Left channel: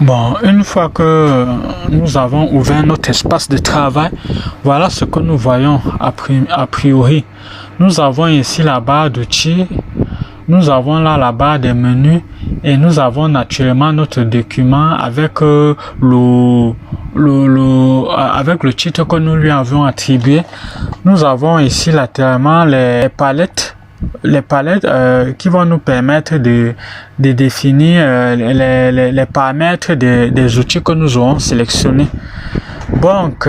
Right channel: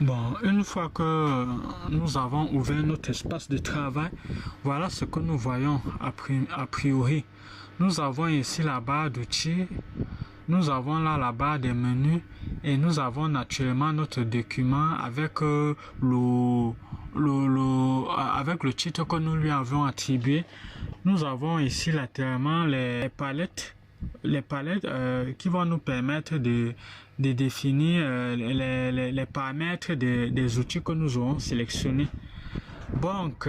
Bon, une fois que nous avons ouvert notre espace de travail, voilà ce que nous voyons a priori. Nous avons ici la barre d'outils, nous avons là la barre des menus et nous avons naturellement notre document avec avec le titre que nous lui avons attribué. Nous avons ici latéralement les palettes qui vont nous permettre de définir les paramètres des outils que nous aurons sélectionnés. Donc,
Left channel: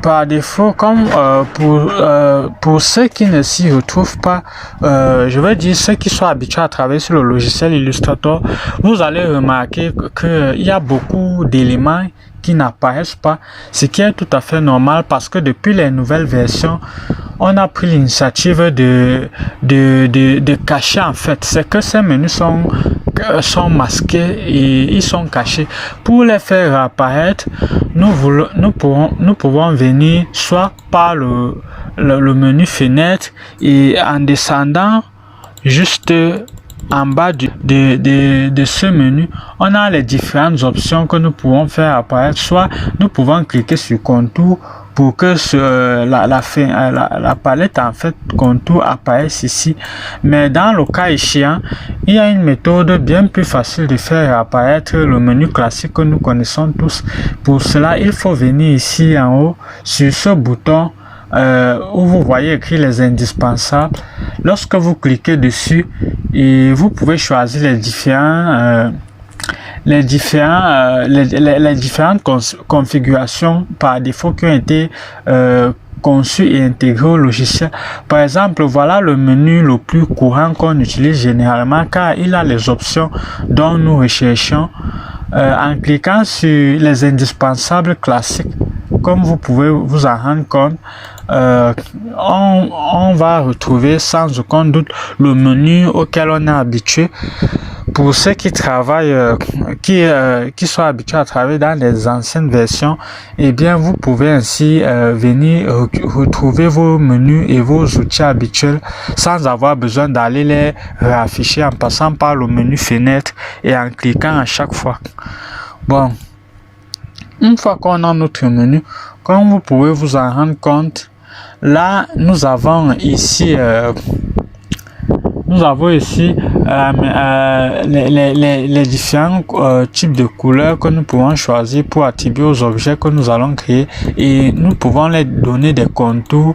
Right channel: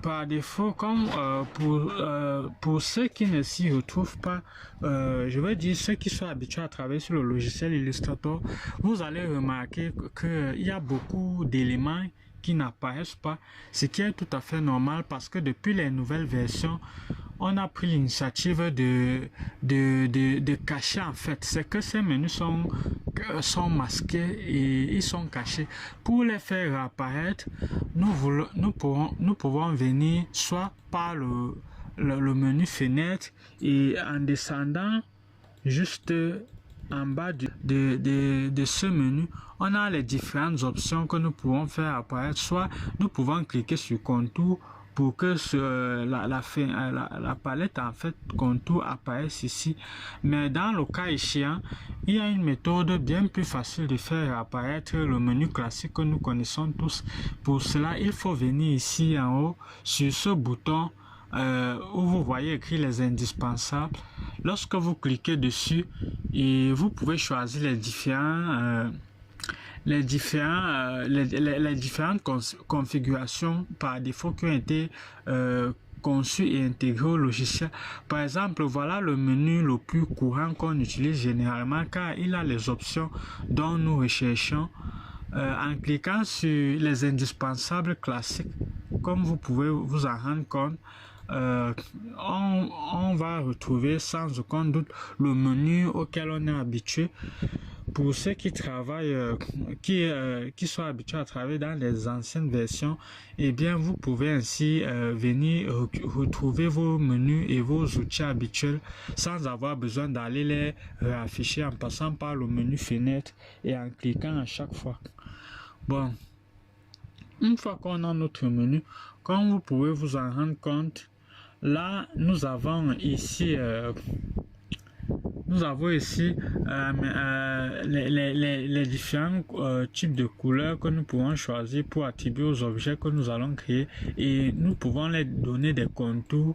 par défaut, comme pour ceux qui ne s'y retrouvent pas, je vais dire ceux qui sont habitués à travailler sur le logiciel Illustrator, vous allez remarquer qu'il y a beaucoup d'éléments qui n'apparaissent pas, ce qui est tout à fait normal parce que depuis les nouvelles versions, on a pris l'initiative de cacher en fait. C'est que ces menus sont masqués et ils sont cachés. Pour les faire apparaître, nous pouvons venir soit par le menu fenêtre et en descendant juste en bas de ce menu, on a les différentes options que nous pouvons faire apparaître. Soit nous pouvons cliquer sur contour pour que la palette en fait contour apparaisse ici. Mais dans le cas échéant, il y a une méthode bien plus facile de faire apparaître le menu classique que nous connaissons tous. Pour cela, il faut venir ici en haut sur ce bouton où vous voyez écrit les indispensables. Lorsque vous cliquez dessus, et vous pouvez choisir les différentes configurations par défaut qui ont été conçues et intégrées au logiciel. Par exemple, voilà le menu le plus courant qu'on utilise généralement car il a les options dont nous recherchons. En cliquant sur les indispensables classiques, comme vous pouvez vous en rendre compte, on va retrouver sans aucun doute le menu auquel on est habitué. Pour ceux qui travaillent, qui sont habitués à travailler dans les anciennes versions, eh bien vous pouvez ainsi venir retrouver vos menus et vos outils habituels sans avoir besoin d'aller les réafficher en passant par le menu fenêtre et en cliquant à chaque fois. Bon, une fois qu'on a notre menu, comme vous pouvez vous en rendre compte, là nous avons ici les différents types de couleurs que nous pouvons choisir pour attribuer aux objets que nous allons créer et nous pouvons les donner des contours.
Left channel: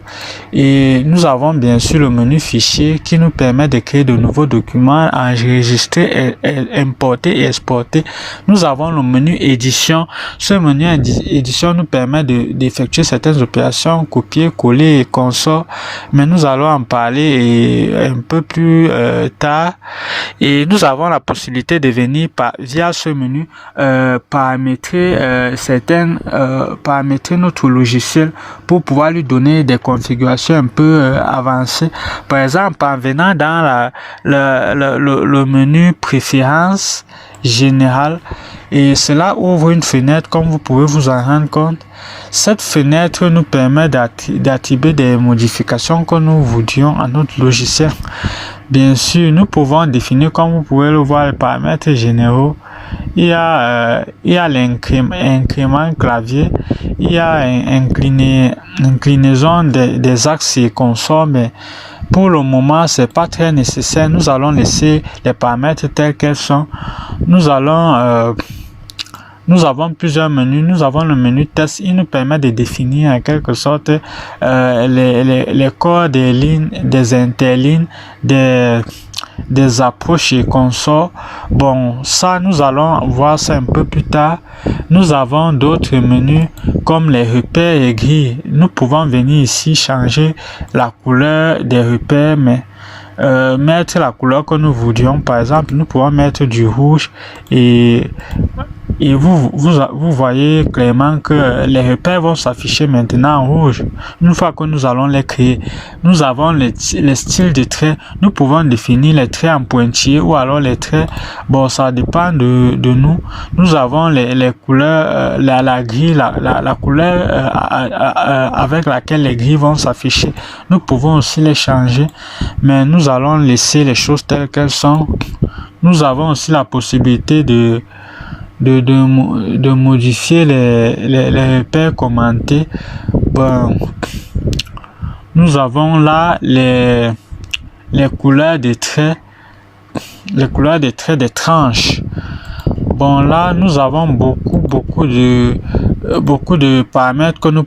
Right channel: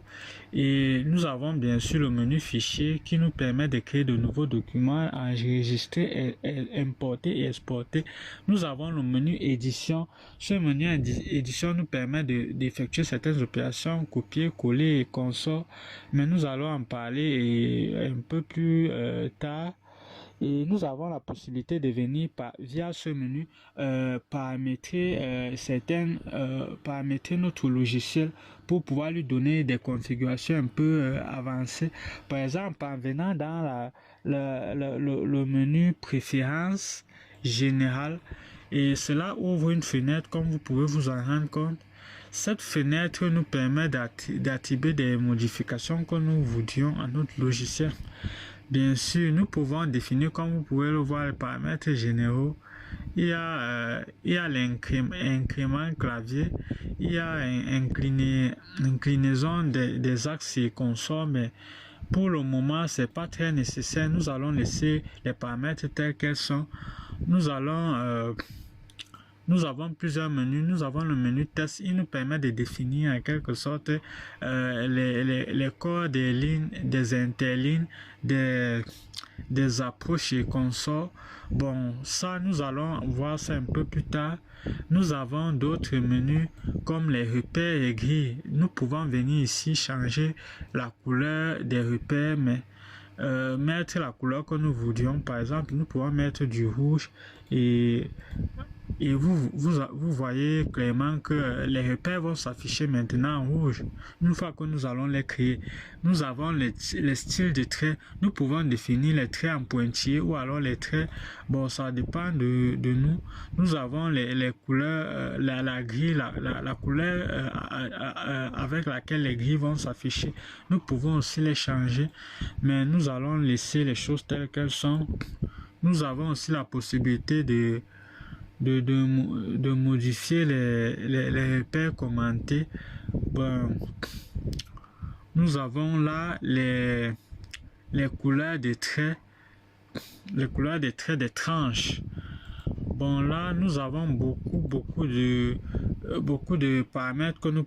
Et nous avons bien sûr le menu fichier qui nous permet de créer de nouveaux documents, enregistrer, importer et exporter. Nous avons le menu édition. Ce menu édition nous permet d'effectuer certaines opérations, copier, coller et consorts, mais nous allons en parler un peu plus tard. Et nous avons la possibilité de venir via ce menu paramétrer notre logiciel pour pouvoir lui donner des configurations un peu avancées. Par exemple, en venant dans le menu préférences générales, et cela ouvre une fenêtre comme vous pouvez vous en rendre compte. Cette fenêtre nous permet d'attribuer des modifications que nous voudrions à notre logiciel. Bien sûr, nous pouvons définir, comme vous pouvez le voir, les paramètres généraux. Il y a l'incrément clavier, il y a inclinaison des axes et consorts, mais pour le moment, c'est pas très nécessaire. Nous allons laisser les paramètres tels qu'elles sont. Nous avons plusieurs menus. Nous avons le menu test. Il nous permet de définir en quelque sorte les corps des lignes, des interlignes, des approches et consorts. Bon, ça, nous allons voir ça un peu plus tard. Nous avons d'autres menus comme les repères et grilles. Nous pouvons venir ici changer la couleur des repères, mais mettre la couleur que nous voudrions. Par exemple, nous pouvons mettre du rouge et vous voyez clairement que les repères vont s'afficher maintenant en rouge. Une fois que nous allons les créer, nous avons les styles de traits. Nous pouvons définir les traits en pointillés ou alors les traits. Bon, ça dépend de nous. Nous avons les couleurs, la grille, la couleur avec laquelle les grilles vont s'afficher. Nous pouvons aussi les changer, mais nous allons laisser les choses telles qu'elles sont. Nous avons aussi la possibilité de de modifier les repères commentés. Bon, nous avons là les couleurs des traits, des tranches. Bon, là, nous avons beaucoup de paramètres que nous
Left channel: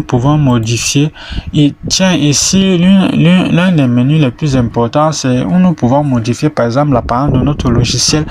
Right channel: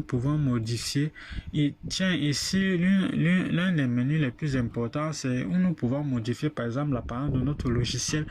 pouvons modifier. Et tiens, ici, l'un des menus les plus importants, c'est où nous pouvons modifier, par exemple, l'apparence de notre logiciel.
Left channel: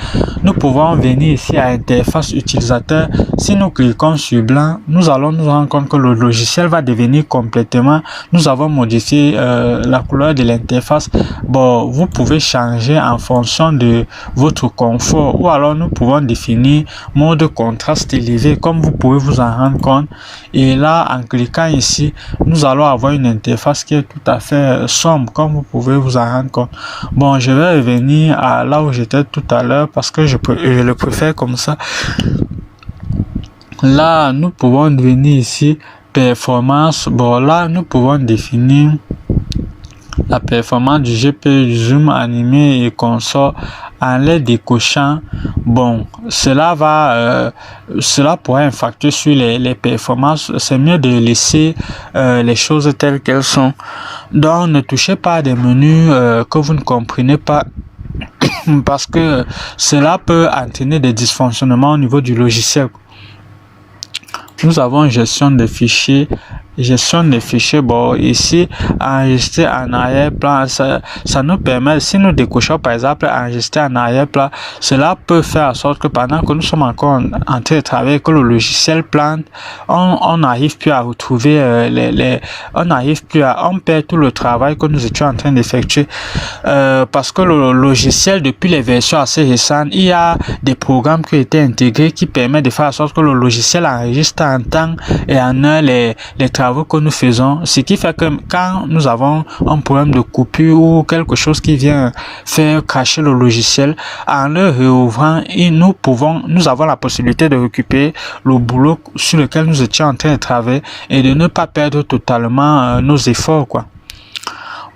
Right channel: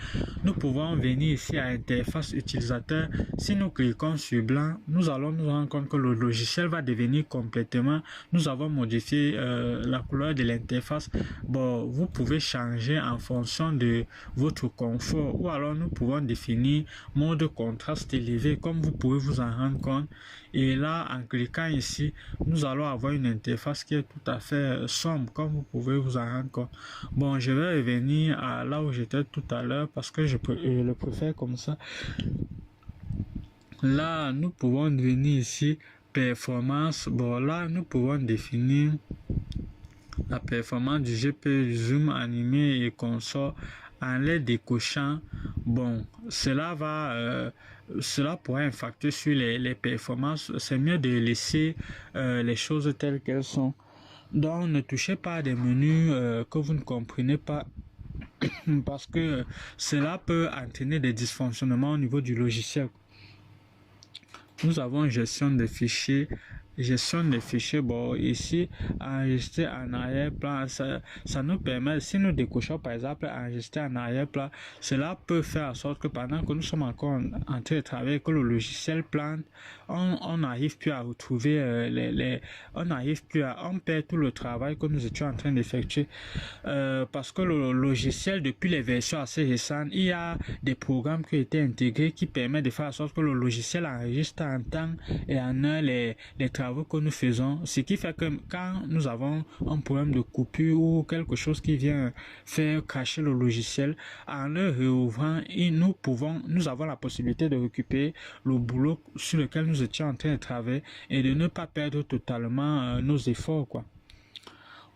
Nous pouvons venir ici à interface utilisateur. Si nous cliquons sur blanc, nous allons nous rendre compte que le logiciel va devenir complètement. Nous avons modifié la couleur de l'interface. Bon, vous pouvez changer en fonction de votre confort, ou alors nous pouvons définir mode contraste élevé, comme vous pouvez vous en rendre compte. Et là, en cliquant ici, nous allons avoir une interface qui est tout à fait sombre, comme vous pouvez vous en rendre compte. Bon, je vais revenir à là où j'étais tout à l'heure parce que je le préfère comme ça. Là, nous pouvons venir ici performance. Bon, là, nous pouvons définir la performance du GPU, du zoom animé et consort en les décochant. Bon, cela pourrait impacter sur les performances. C'est mieux de laisser les choses telles qu'elles sont. Donc, ne touchez pas à des menus que vous ne comprenez pas parce que cela peut entraîner des dysfonctionnements au niveau du logiciel. Nous avons gestion des fichiers. Bon, ici, enregistrer en arrière-plan, ça nous permet, si nous décochons par exemple enregistrer en arrière-plan, cela peut faire en sorte que pendant que nous sommes encore en train de travailler, que le logiciel plante, on n'arrive plus à retrouver on perd tout le travail que nous étions en train d'effectuer, parce que le logiciel, depuis les versions assez récentes, il y a des programmes qui ont été intégrés qui permettent de faire en sorte que le logiciel enregistre en temps et en heure les travaux que nous faisons, ce qui fait que quand nous avons un problème de coupure ou quelque chose qui vient faire cracher le logiciel, en le réouvrant, nous avons la possibilité de récupérer le boulot sur lequel nous étions en train de travailler et de ne pas perdre totalement nos efforts, quoi.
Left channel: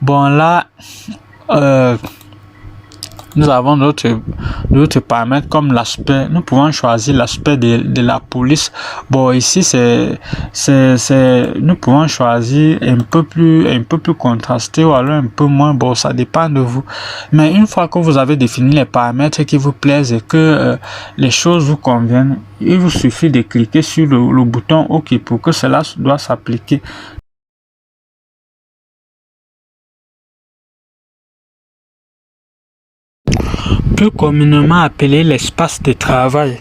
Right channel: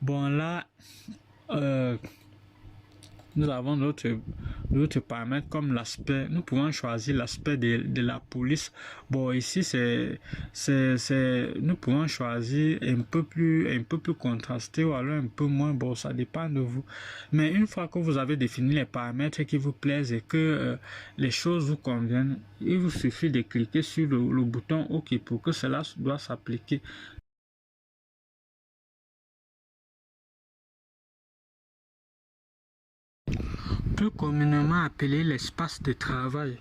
Bon, là, nous avons d'autres paramètres comme l'aspect. Nous pouvons choisir l'aspect de la police. Bon, ici, nous pouvons choisir un peu plus contrasté ou alors un peu moins. Bon, ça dépend de vous. Mais une fois que vous avez défini les paramètres qui vous plaisent et que les choses vous conviennent, il vous suffit de cliquer sur le bouton OK pour que cela doit s'appliquer. Plus communément appelé l'espace de travail.